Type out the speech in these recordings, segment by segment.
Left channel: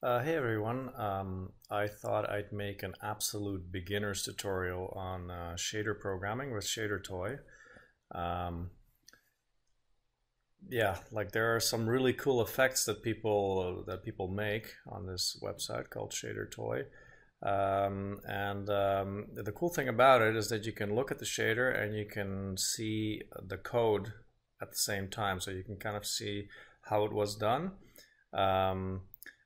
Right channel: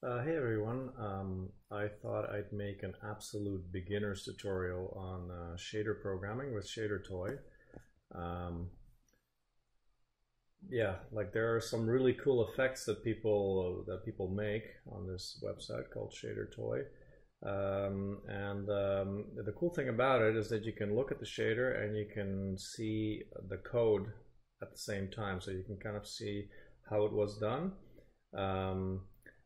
Hey everyone, I thought I'd make an absolute beginner's tutorial on shader programming with Shadertoy. Um, yeah, like there are some really cool effects that people make on this website called Shadertoy. The cool thing about it is that you can look at the shader and you can see the code at the same time, so you can kind of see how it was done. Um,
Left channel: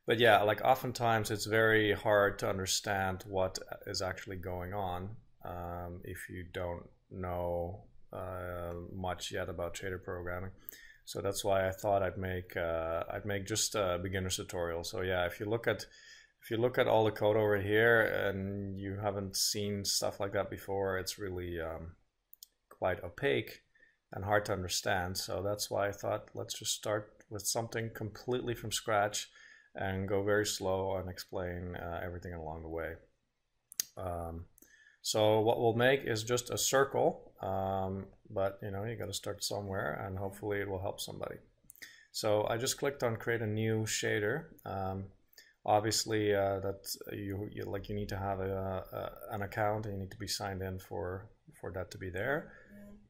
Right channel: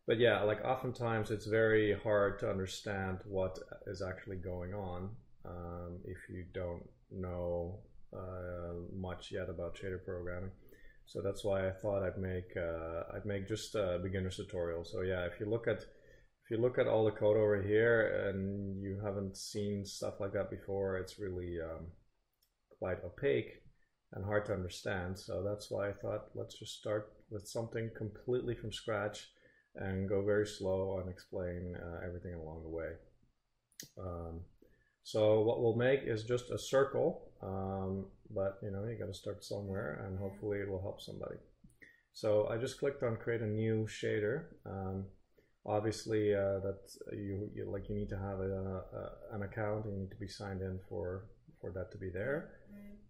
but yeah, like oftentimes it's very hard to understand what is actually going on if you don't know much yet about shader programming. So that's why I thought I'd make just a beginner's tutorial. So yeah, if you look at all the code over here and you haven't seen stuff like that before, it's really quite opaque and hard to understand. So that's why I thought let's just start with something completely from scratch and go very slow and explain everything along the way. Um, so what we'll make is just a circle, but you got to start somewhere, and hopefully it will help somebody. So I just clicked on create a new shader. Obviously, that you need to have an account, and you need to be signed in for that to be there.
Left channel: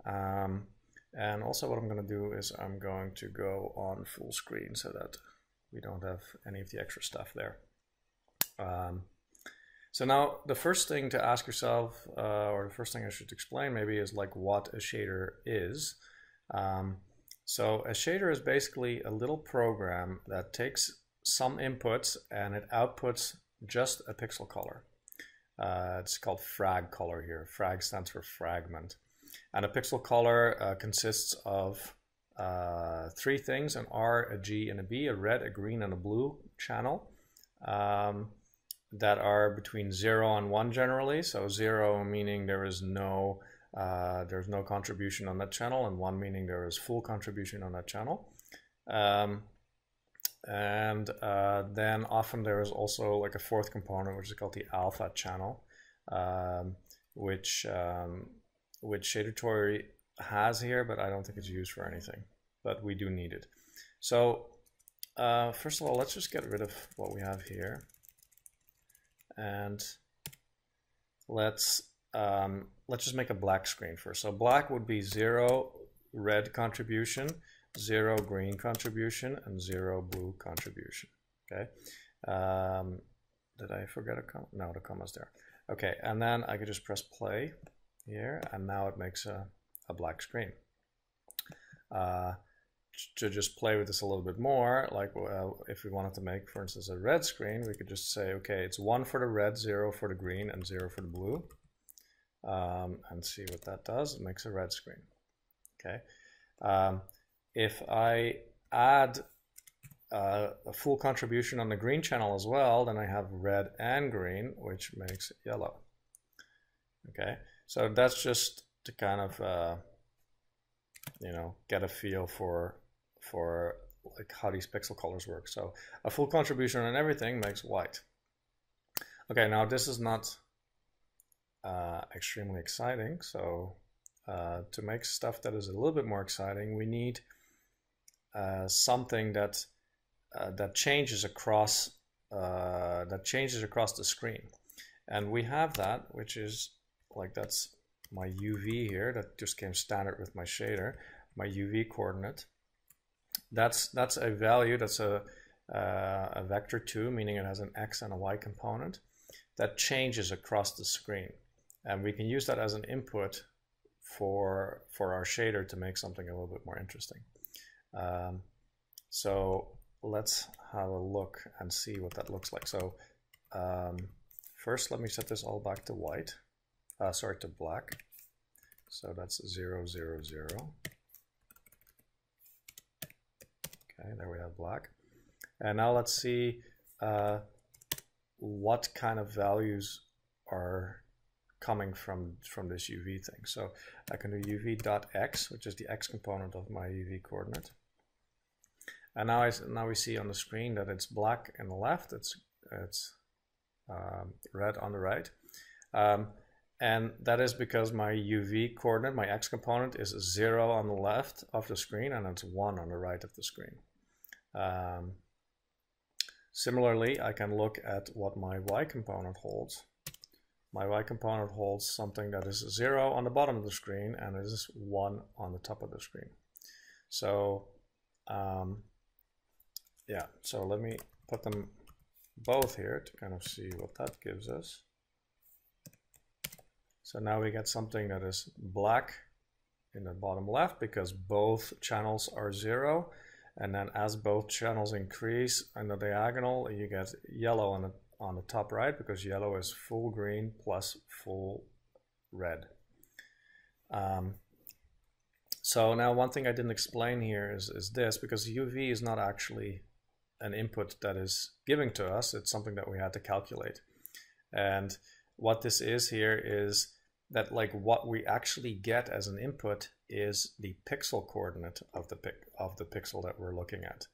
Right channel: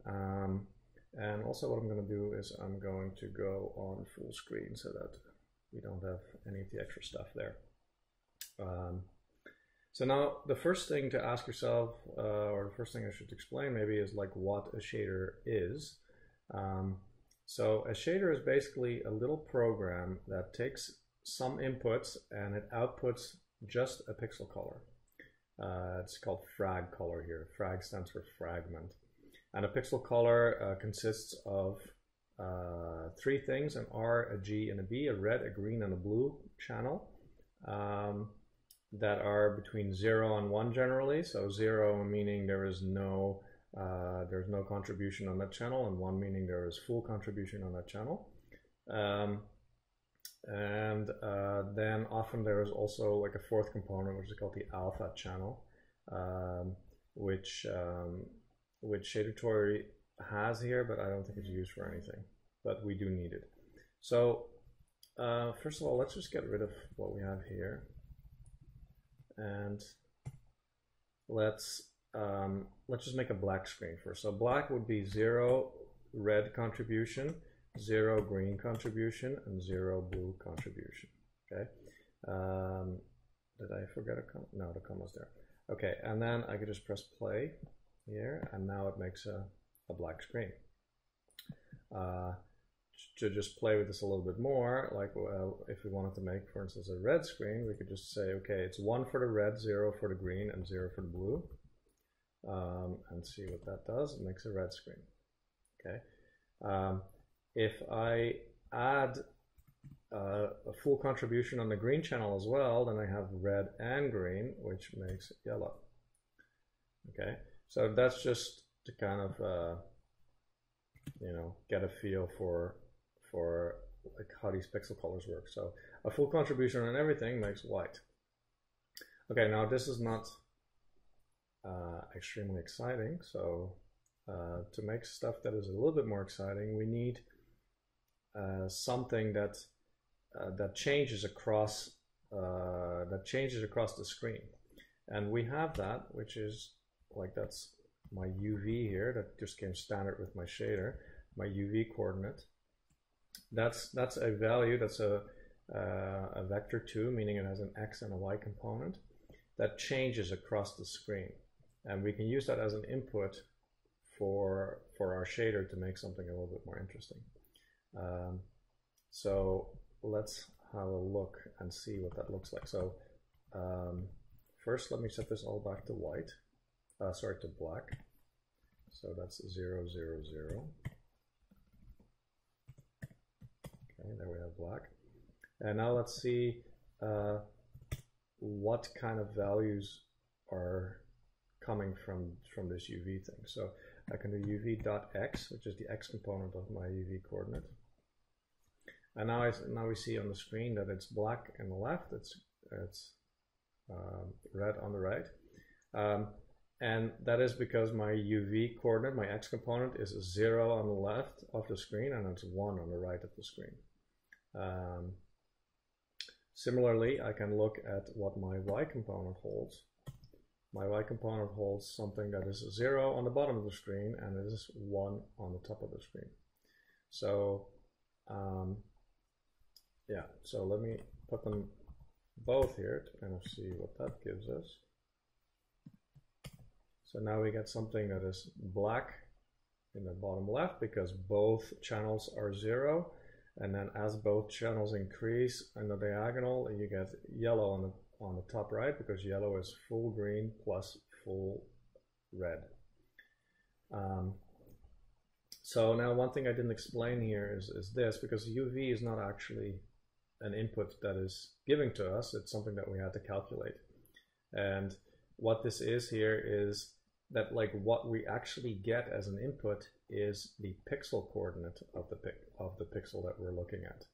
And also, what I'm going to do is I'm going to go on full screen so that we don't have any of the extra stuff there. So now the first thing to ask yourself, or the first thing I should explain maybe, is like what a shader is. So a shader is basically a little program that takes some inputs and it outputs just a pixel color. It's called frag color here. Frag stands for fragment. And a pixel color consists of three things: an R, a G, and a B, a red, a green, and a blue channel that are between 0 and 1 generally. So 0 meaning there's no contribution on that channel, and 1 meaning there is full contribution on that channel. Then often there is also like a fourth component, which is called the alpha channel, which Shadertoy has here, but I don't think it's used for anything. But we do need it. So first of all, let's just get rid of what we have here, and let's just make a black screen first. So black would be 0 red contribution, 0 green contribution, and 0 blue contribution. Okay. Did I forget a comma? No, the comma's there. Okay, and then I could just press play here, and now it makes a black screen. To just play with this a little bit more, like if we wanted to make, for instance, a red screen, we could just say, okay, it's 1 for the red, 0 for the green, and 0 for the blue. And see what that does. It makes a red screen. Okay. If I add a full contribution on the green channel as well, then I have red and green, which makes it yellow. Okay, so that's just to kind of get a feel for like how these pixel colors work. So a full contribution on everything makes white. Okay, now this is not extremely exciting. So to make stuff that is a little bit more exciting, we need something that changes across the screen, and we have that, which is like, that's my UV here that just came standard with my shader, my UV coordinate. That's a value, that's a vector 2, meaning it has an X and a Y component that changes across the screen, and we can use that as an input for our shader to make something a little bit more interesting. So let's have a look and see what that looks like. So first, let me set this all back to white. Sorry, to black. So that's 0, 0, 0. Okay, there we have black. And now let's see what kind of values are coming from this UV thing. So I can do uv.x, which is the x component of my UV coordinate. And now we see on the screen that it's black on the left, it's red on the right. And that is because my UV coordinate, my x component, is 0 on the left of the screen, and it's 1 on the right of the screen. Similarly, I can look at what my Y component holds. My Y component holds something that is 0 on the bottom of the screen and it is 1 on the top of the screen. So yeah, so let me put them both here to kind of see what that gives us. So now we get something that is black in the bottom left because both channels are 0. And then as both channels increase on the diagonal, you get yellow on the top right because yellow is full green plus full red. So now one thing I didn't explain here is this, because UV is not actually an input that is giving to us, it's something that we had to calculate. And what this is here is that like what we actually get as an input is the pixel coordinate of the pixel that we're looking at.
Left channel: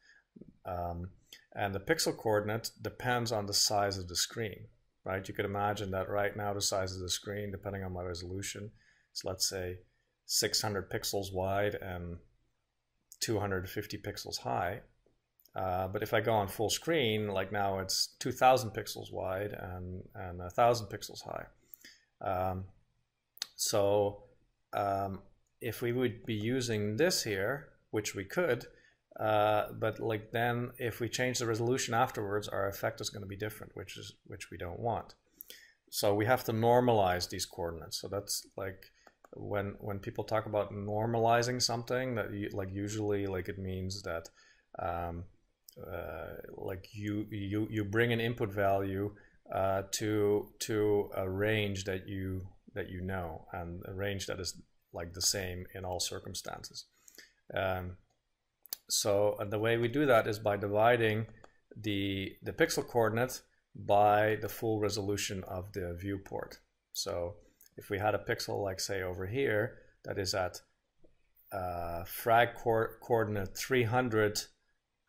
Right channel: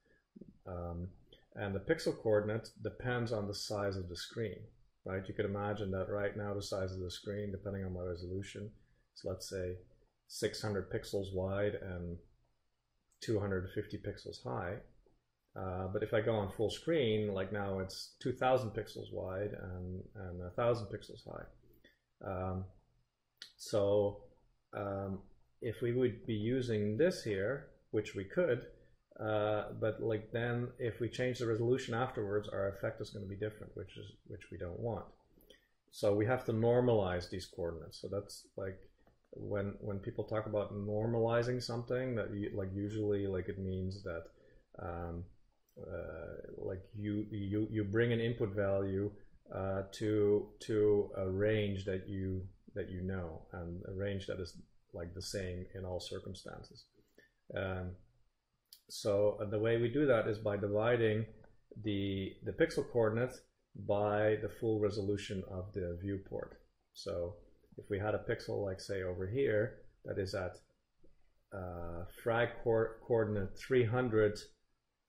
And the pixel coordinate depends on the size of the screen, right? You could imagine that right now the size of the screen, depending on my resolution, is let's say 600 pixels wide and 250 pixels high. But if I go on full screen, like now it's 2000 pixels wide and 1000 pixels high. So if we would be using this here, which we could, but like then if we change the resolution afterwards, our effect is going to be different, which we don't want. So we have to normalize these coordinates. So that's like when people talk about normalizing something, that like usually like it means that like you bring an input value to a range that you know, and a range that is like the same in all circumstances. So the way we do that is by dividing the pixel coordinate by the full resolution of the viewport. So if we had a pixel like say over here that is at frag coordinate 300,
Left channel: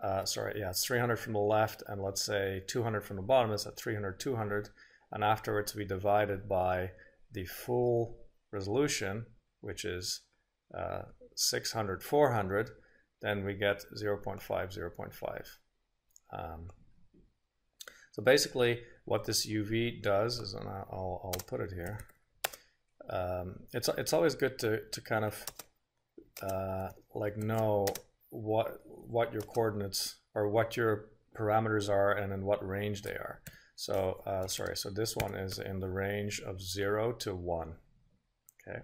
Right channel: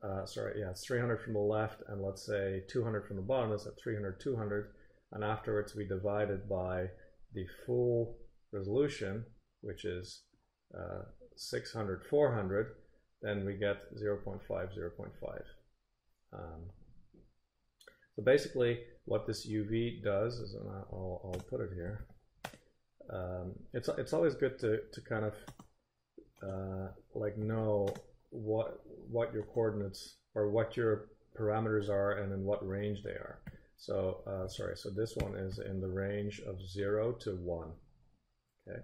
it's 300 from the left and let's say 200 from the bottom, is at 300, 200, and afterwards we divide it by the full resolution, which is 600, 400, then we get 0.5, 0.5. So basically what this UV does is, and I'll put it here, it's always good to kind of like know what your coordinates or what your parameters are and in what range they are. So so this one is in the range of 0 to 1. Okay.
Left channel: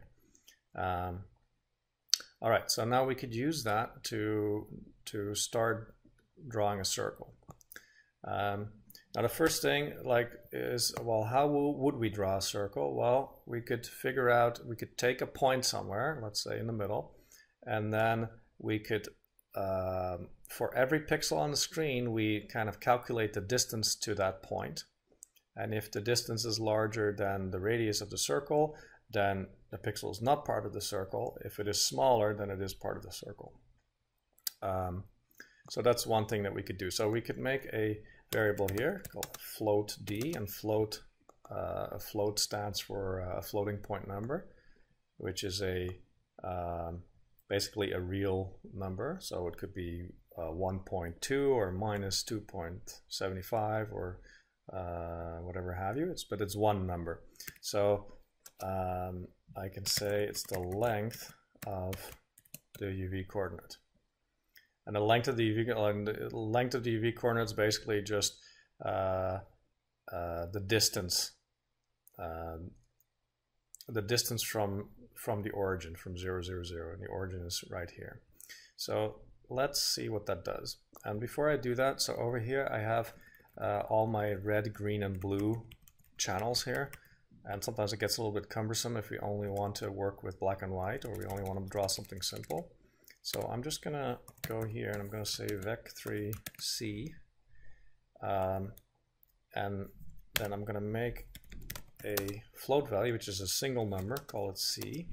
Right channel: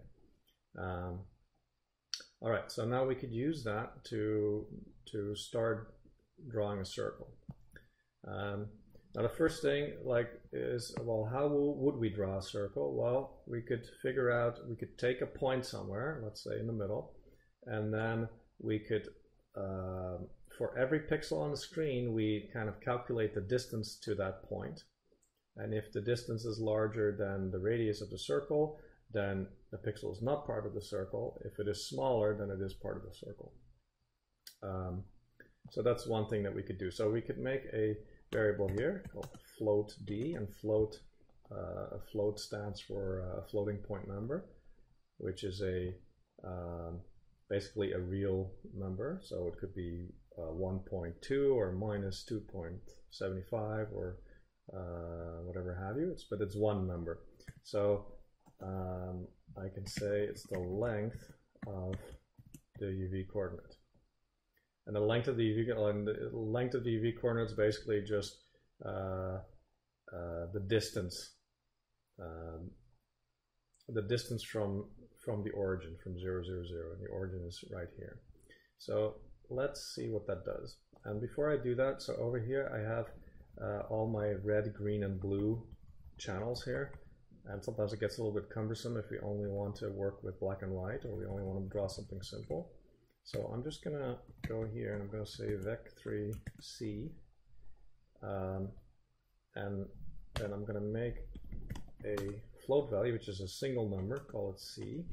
All right, so now we could use that to start drawing a circle. Now the first thing is, well, how would we draw a circle? Well, we could figure out, we could take a point somewhere, let's say in the middle, and then we could, for every pixel on the screen, we kind of calculate the distance to that point. And if the distance is larger than the radius of the circle, then the pixel is not part of the circle. If it is smaller, then it is part of the circle. So that's one thing that we could do. So we could make a variable here called float d, and float stands for a floating point number, which is a basically a real number. So it could be 1.2 or minus 2.75 or whatever have you. But it's one number. So I can say it's the length of the UV coordinate. And the length of the UV coordinate is basically just the distance from the origin, from 0, 0, 0, and the origin is right here. So let's see what that does. And before I do that, so over here I have all my red, green, and blue channels here. And sometimes it gets a little bit cumbersome if we only want to work with black and white, or we only want to draw something simple. So I'm just going to go here and I'm going to say vec3c, and then I'm going to make a float value, which is a single number, call it c,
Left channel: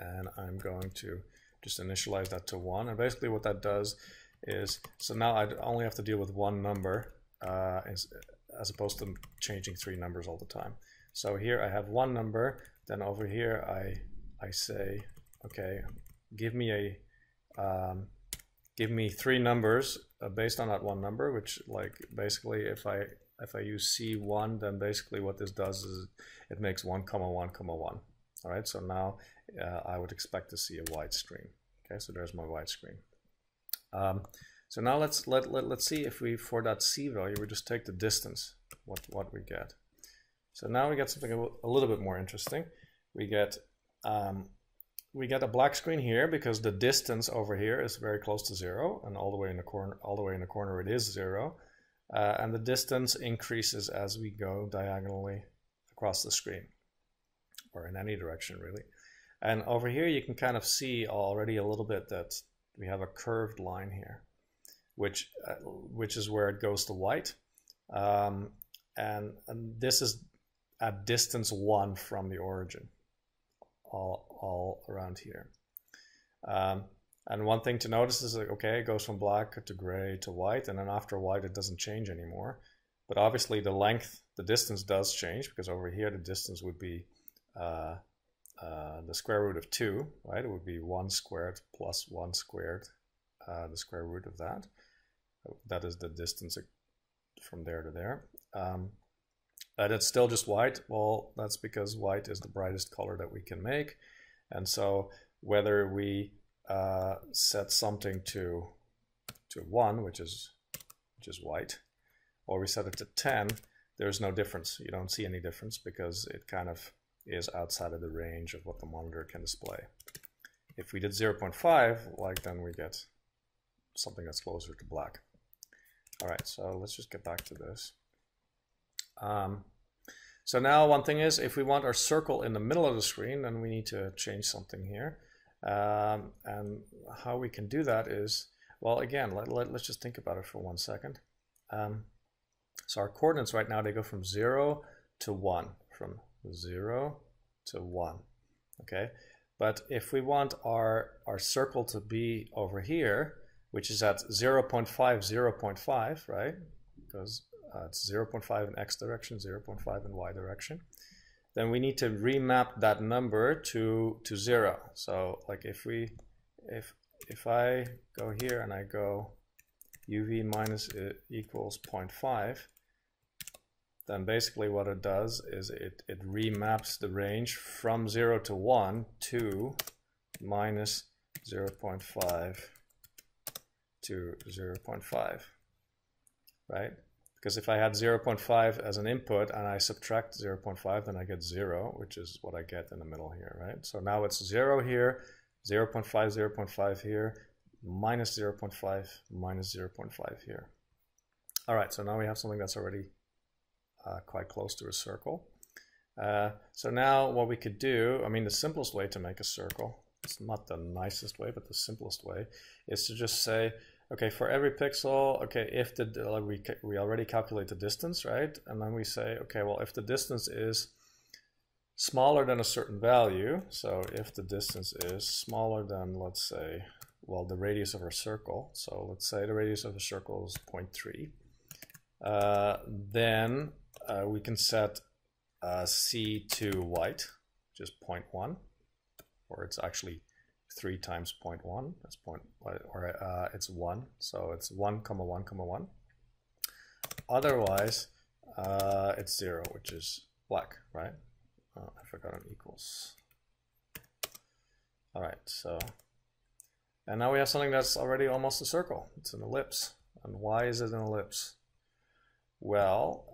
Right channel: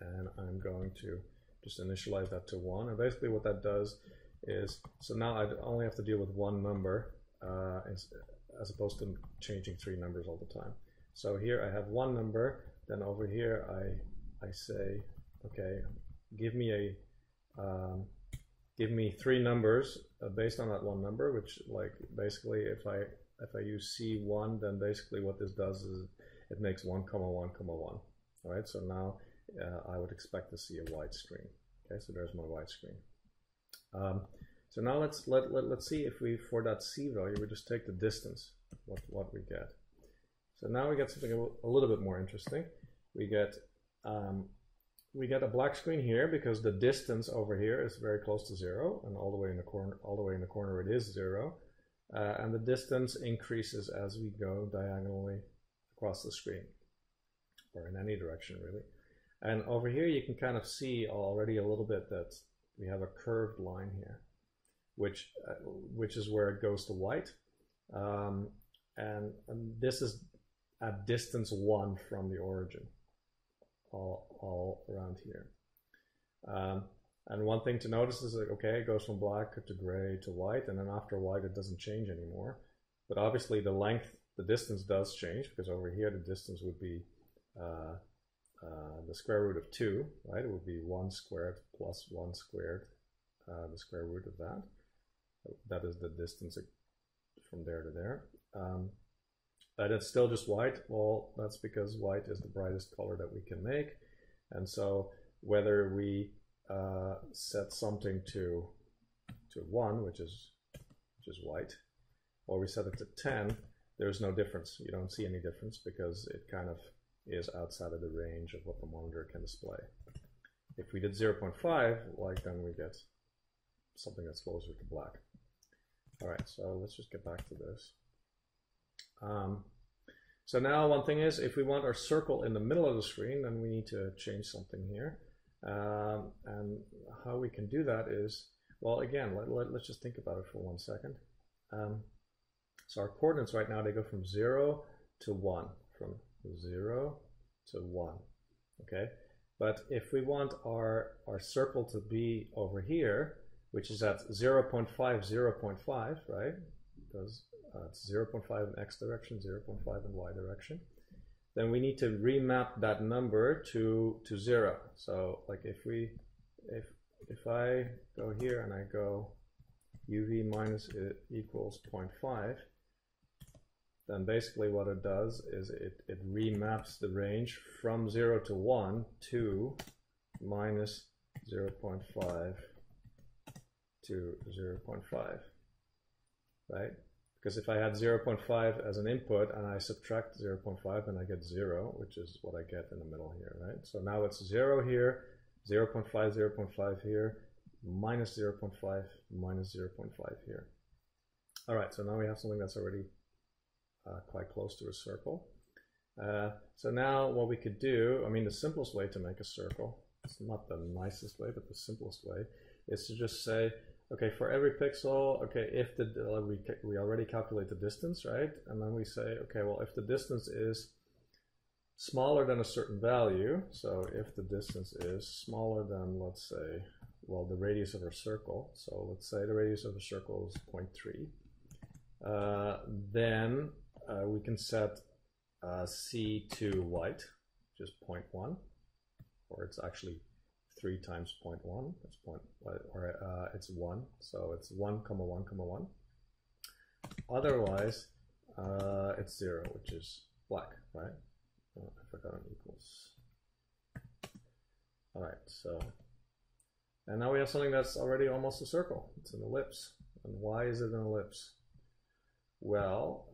and I'm going to just initialize that to 1. And basically what that does is, so now I only have to deal with one number as opposed to changing 3 numbers all the time. So here I have one number, then over here I say, okay, give me give me 3 numbers based on that one number, which like basically if I use C1, then basically what this does is it makes 1, 1, 1. All right, so now I would expect to see a white screen. Okay, so there's my white screen. So now let's see if we, for that C value, we just take the distance, what we get. So now we get something a little bit more interesting. We get a black screen here because the distance over here is very close to 0, and all the way in the corner it is 0. And the distance increases as we go diagonally across the screen, or in any direction really. And over here you can kind of see already a little bit that we have a curved line here, which is where it goes to white. And this is at distance 1 from the origin, all around here. And one thing to notice is that, okay, it goes from black to gray to white, and then after white it doesn't change anymore. But obviously the length, the distance does change, because over here the distance would be the square root of 2, right? It would be 1 squared plus 1 squared, the square root of that. That is the distance from there to there. And it's still just white. Well, that's because white is the brightest color that we can make. And so whether we set something to 1, which is white, or we set it to 10, there's no difference. You don't see any difference because it kind of is outside of the range of what the monitor can display. If we did 0.5, like, then we get something that's closer to black. All right, so let's just get back to this. So now one thing is, if we want our circle in the middle of the screen, then we need to change something here. And how we can do that is, well, again, let's just think about it for 1 second. So our coordinates right now, they go from 0 to 1, from 0 to 1, okay? But if we want our circle to be over here, which is at 0.5, 0.5, right? Because it's 0.5 in x direction, 0.5 in y direction. Then we need to remap that number to 0. So like if I go here and I go uv minus equals 0.5, then basically what it does is it remaps the range from 0 to 1 to minus 0.5 to 0.5, right? Because if I had 0.5 as an input and I subtract 0.5, then I get 0, which is what I get in the middle here, right? So now it's 0 here, 0.5, 0.5 here, minus 0.5, minus 0.5 here. All right, so now we have something that's already quite close to a circle. So now what we could do, I mean, the simplest way to make a circle, it's not the nicest way, but the simplest way, is to just say, okay, for every pixel, okay, if we already calculate the distance, right? And then we say, okay, well, if the distance is smaller than a certain value, so if the distance is smaller than, let's say, well, the radius of our circle, so let's say the radius of the circle is 0.3, then we can set C to white, which is 0.1, or it's actually 3 times 0.1, that's it's 1, so it's 1, 1, 1. Otherwise, it's 0, which is black, right? I forgot an equals. All right, so, and now we have something that's already almost a circle. It's an ellipse. And why is it an ellipse? Well,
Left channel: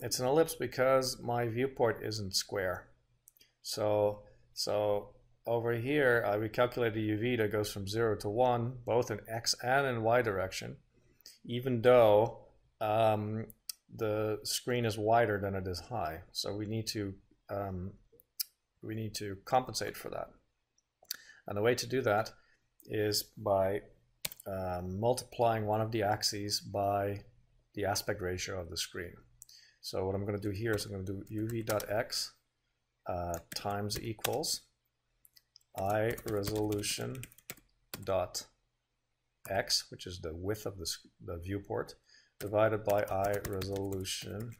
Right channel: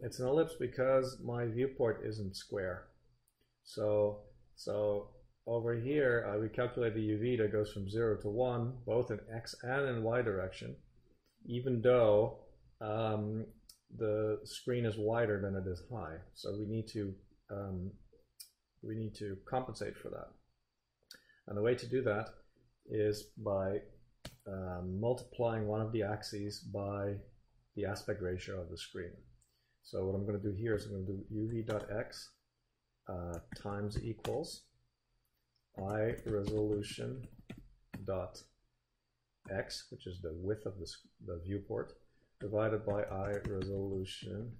it's an ellipse because my viewport isn't square. So over here, we calculate a UV that goes from 0 to 1, both in x and in y direction, even though the screen is wider than it is high. So we need to compensate for that. And the way to do that is by multiplying one of the axes by the aspect ratio of the screen. So what I'm going to do here is I'm going to do uv.x times equals I resolution dot x, which is the width of the viewport, divided by I resolution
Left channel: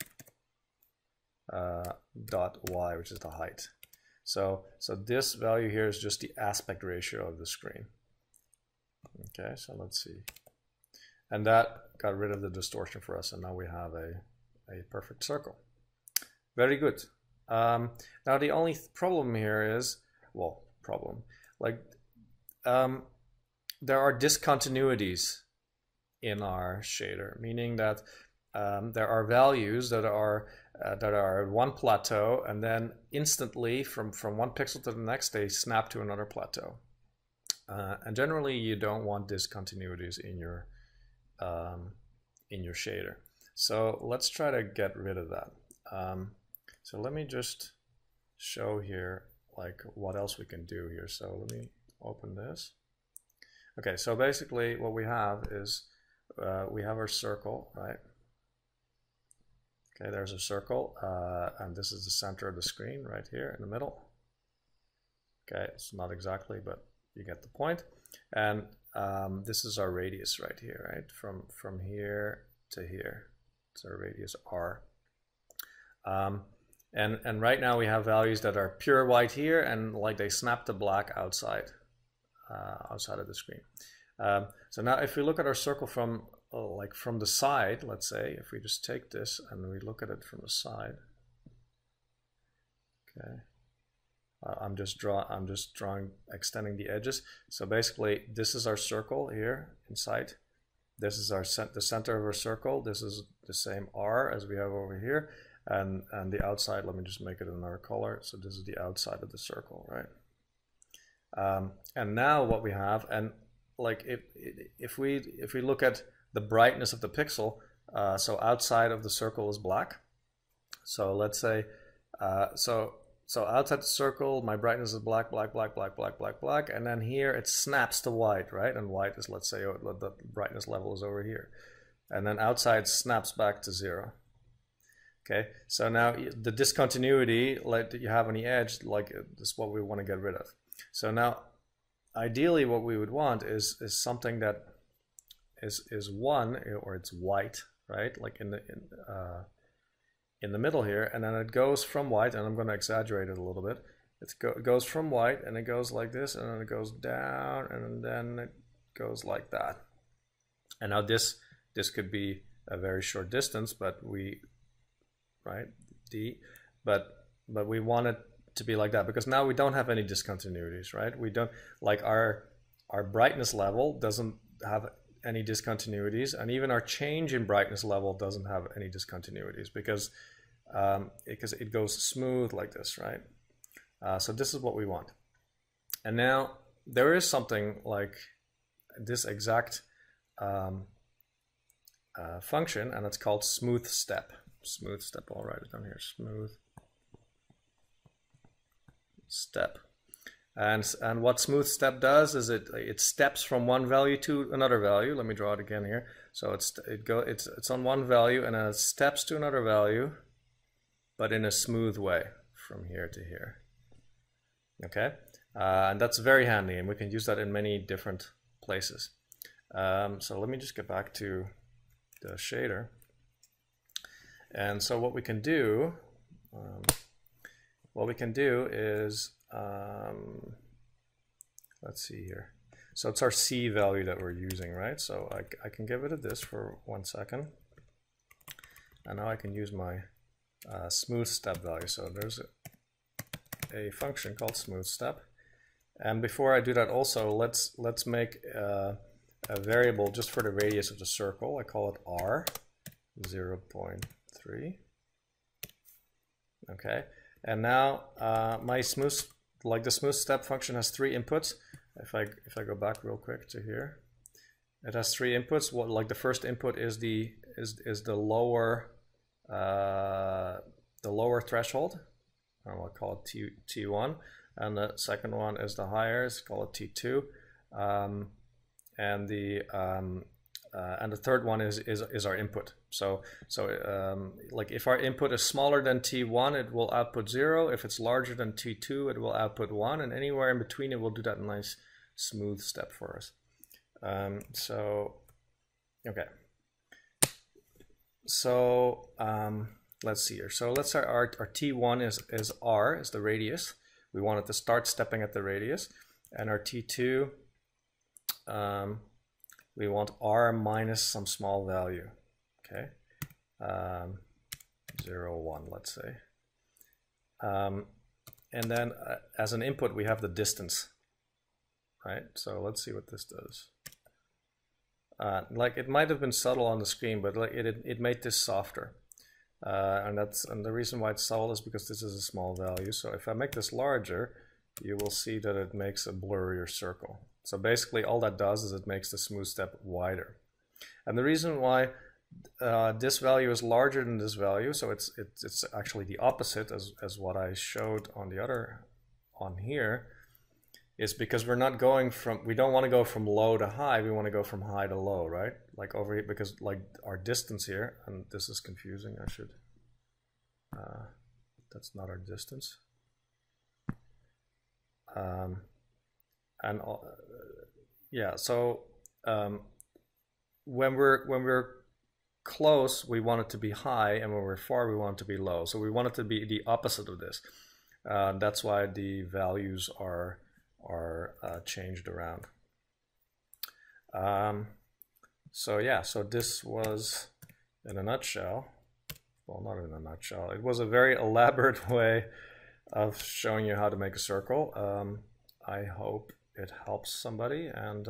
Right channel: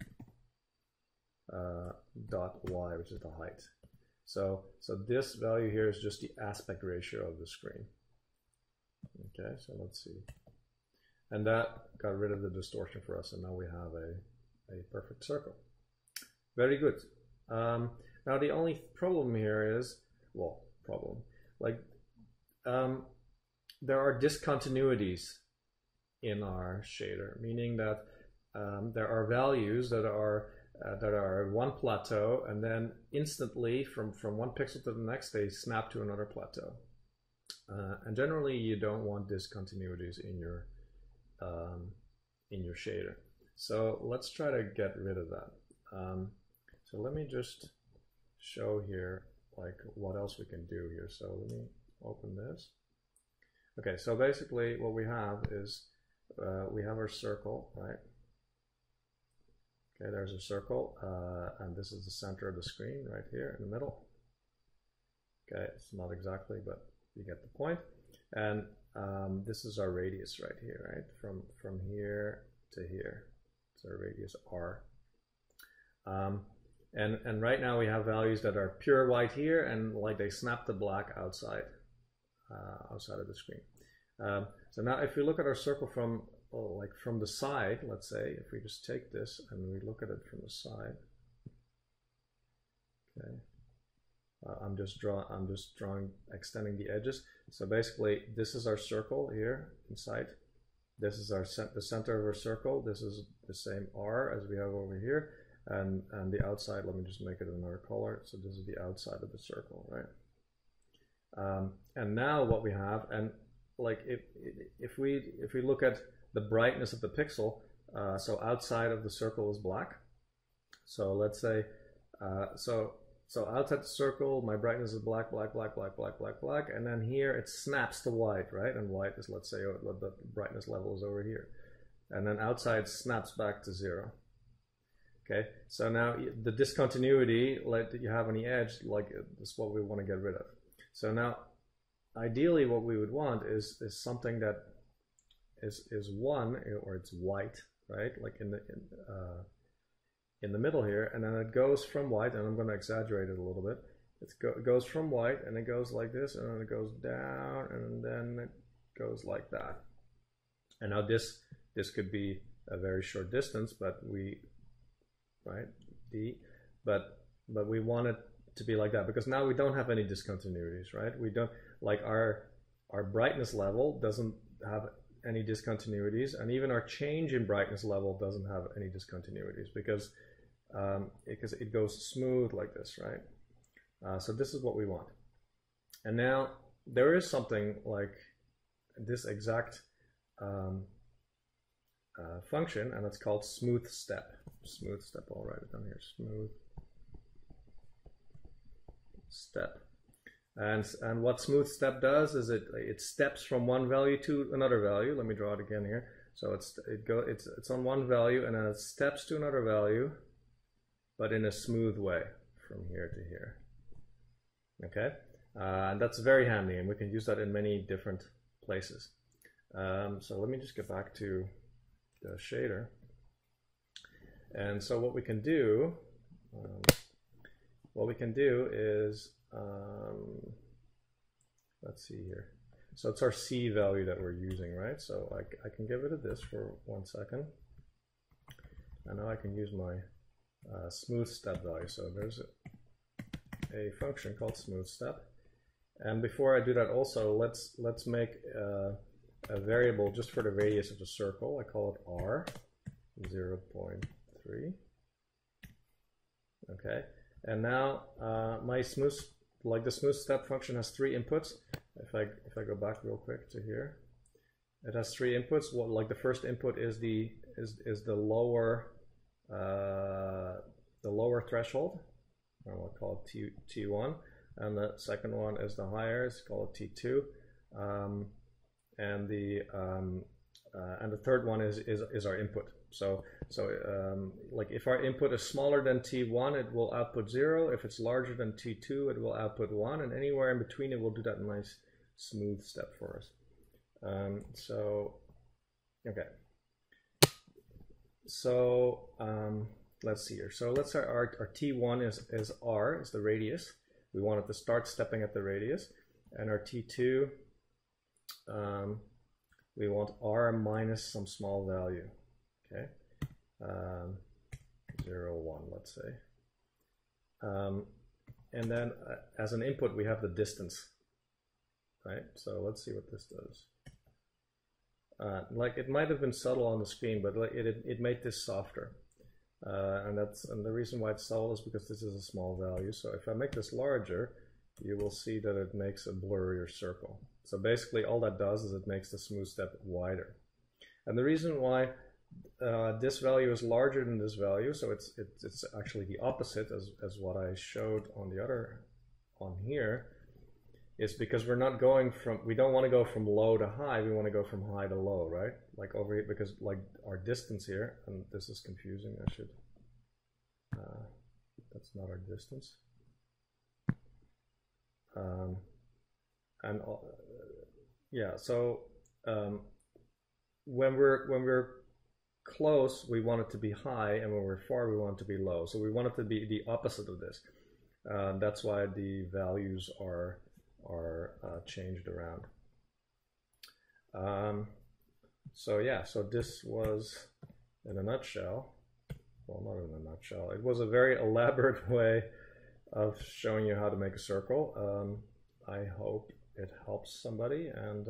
dot y, which is the height. So this value here is just the aspect ratio of the screen. Okay, so let's see. And that got rid of the distortion for us, and now we have a perfect circle. Very good. Now the only problem here is, well, like there are discontinuities in our shader, meaning that there are values that are one plateau, and then instantly from one pixel to the next they snap to another plateau. And generally you don't want discontinuities in your shader. So let's try to get rid of that. So let me just show here like what else we can do here. So let me open this. Okay, so basically what we have is we have our circle, right? Okay, there's a circle, and this is the center of the screen right here in the middle. Okay, it's not exactly, but you get the point. And this is our radius right here, right? From here to here. It's our radius R. And right now we have values that are pure white here, and like they snap to black outside of the screen. So now if we look at our circle from the side, let's say, if we just take this and we look at it from the side. Okay. I'm just drawing, extending the edges. So basically this is our circle here inside. This is the center of our circle. This is the same R as we have over here. And the outside, let me just make it another color. So this is the outside of the circle, right? And now what we have, and like if we look at the brightness of the pixel, so outside of the circle is black. So let's say, so outside the circle, my brightness is black, black, black, black, black, black, black, and then here it snaps to white, right? And white is, let's say, the brightness level is over here. And then outside snaps back to 0. Okay, so now the discontinuity like that you have on the edge, like this is what we want to get rid of. So now, ideally what we would want is something that is 1, or it's white, right? Like in the middle here, and then it goes from white, and I'm going to exaggerate it a little bit. It goes from white, and it goes like this, and then it goes down, and then it goes like that. And now this could be a very short distance, but right, but we want it to be like that, because now we don't have any discontinuities, right? We don't, like our brightness level doesn't have any discontinuities, and even our change in brightness level doesn't have any discontinuities, because it goes smooth like this, right? So this is what we want. And now there is something like this exact function, and it's called smooth step. Smooth step, I'll write it down here, smooth step. And what smooth step does is it steps from one value to another value. Let me draw it again here. So it's on one value, and then it steps to another value, but in a smooth way from here to here. Okay, and that's very handy, and we can use that in many different places. So let me just get back to the shader. And so what we can do is, let's see here. So it's our C value that we're using, right? So I can give it a this for 1 second. And now I can use my smooth step value. So there's a function called smooth step. And before I do that also, let's make a variable just for the radius of the circle. I call it R, 0.3. Okay, and now my the smooth step function has 3 inputs. If I go back real quick to here, it has 3 inputs. What, like the first input is the lower threshold. I'll call it T1, and the second one is the higher. It's called T2, and the third one is our input. So like if our input is smaller than T1, it will output 0. If it's larger than T2, it will output 1, and anywhere in between it will do that nice smooth step for us. Okay. So let's see here. So let's say our T1 is R, is the radius. We want it to start stepping at the radius, and our T2 we want r minus some small value. Okay, 0, 1, let's say. And then as an input, we have the distance, right? So let's see what this does. Like it might have been subtle on the screen, but like it made this softer. And the reason why it's subtle is because this is a small value. So if I make this larger, you will see that it makes a blurrier circle. So basically all that does is it makes the smooth step wider. And the reason why this value is larger than this value, so it's actually the opposite as what I showed on the other on here, is because we don't want to go from low to high, we want to go from high to low, right? Like over here, because like our distance here, and this is confusing, I should, that's not our distance. Yeah, so when we're close, we want it to be high, and when we're far, we want it to be low. So we want it to be the opposite of this. That's why the values are changed around. So yeah, so this was in a nutshell, well, not in a nutshell, it was a very elaborate way of showing you how to make a circle. I hope it helps somebody, and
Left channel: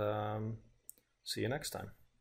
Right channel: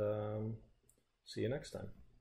see you next time.